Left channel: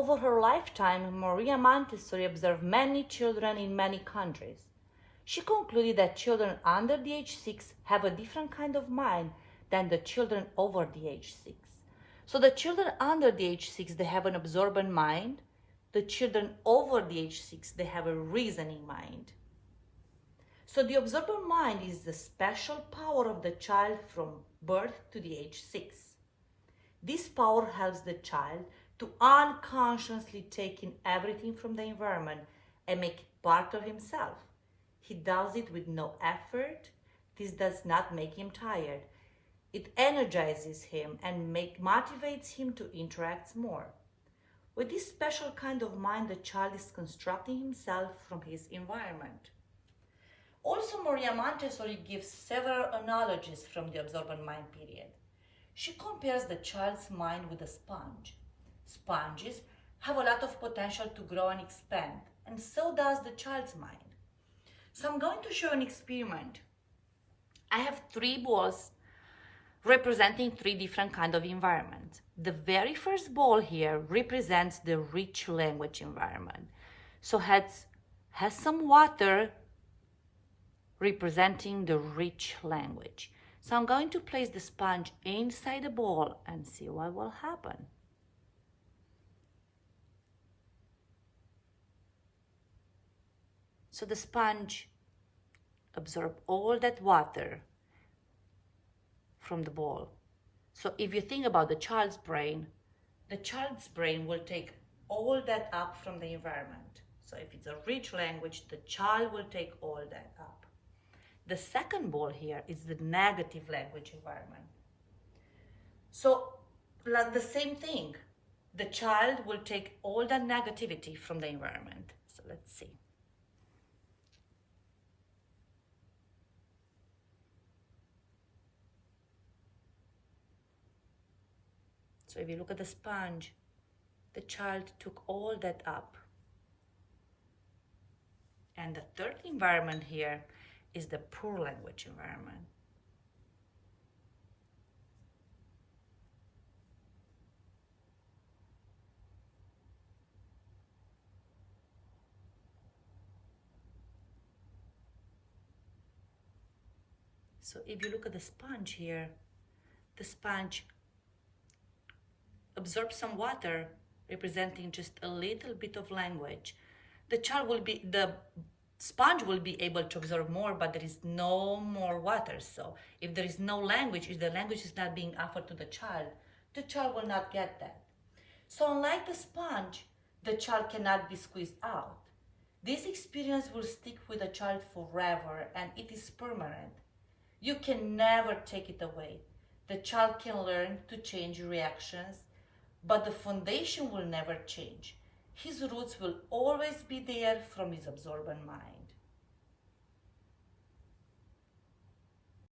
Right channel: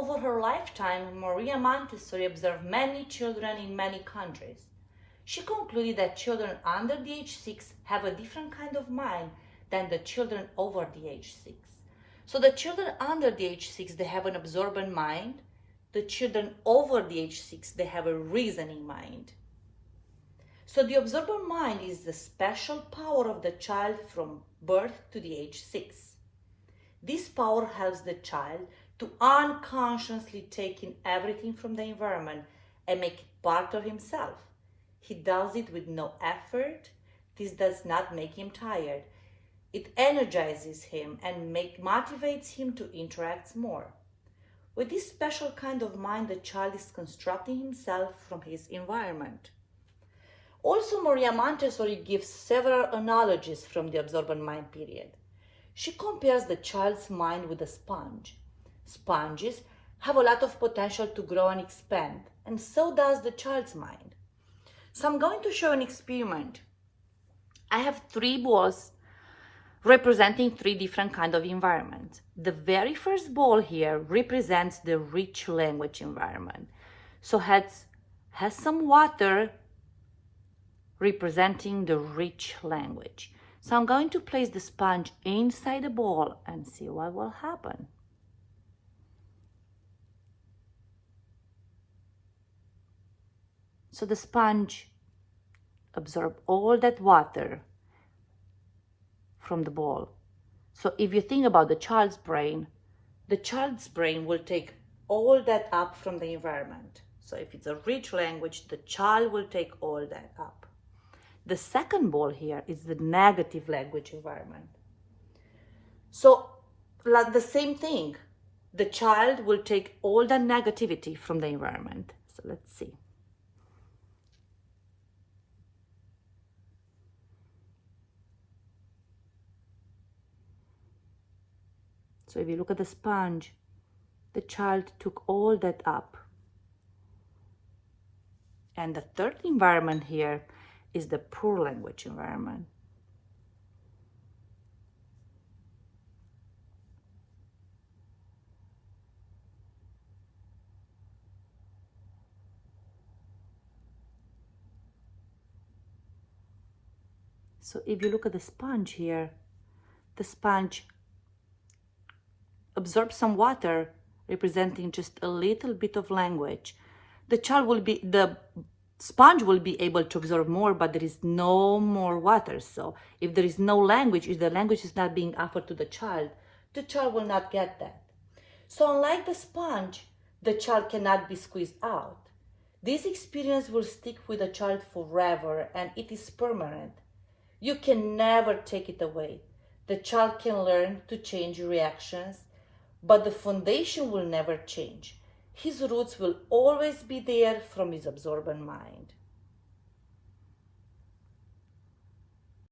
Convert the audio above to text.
Over her lifetime, Maria Montessori observed many children in many countries. She concluded that children under the age 6 have a different kind of mind than the children over the age 6. So the children under the age 6, they have an absorbent mind. The children over the age 6, they have a reasoning mind. So the absorbent mind is the special power of the child from birth to the age 6. This power helps the child to unconsciously take in everything from the environment and make it part of himself. He does it with no effort. This does not make him tired. It energizes him and motivates him to interact more. With this special kind of mind, the child is constructing himself from his environment. Also, Maria Montessori gives several analogies from the absorbent mind period. She compares the child's mind with a sponge. Sponges have a lot of potential to grow and expand, and so does the child's mind. So I'm going to show an experiment. I have 3 balls representing 3 different kinds of environments. The very first ball here represents the rich language environment. So has some water representing the rich language. So I'm going to place the sponge inside the ball and see what will happen. So the sponge absorbs all that water from the ball. So if you think about the child's brain will take all that up from the environment. So if it's a rich language, the child will take all that up. The second ball here is the negative language environment. So like the same thing, the child will take all that negativity from the environment. So let's see. So if you look at the sponge, the child took all that up. And the third environment here is the poor language environment. So if you look at the sponge here, the sponge absorbs some water representing just a little bit of language. The sponge will be able to absorb more, but there is no more water. So if there is no language, if the language is not being offered to the child will not get that. So unlike the sponge, the child cannot be squeezed out. This experience will stick with the child forever, and it is permanent. You can never take it away. The child can learn to change reactions, but the foundation will never change. His roots will always be there from his absorbent mind.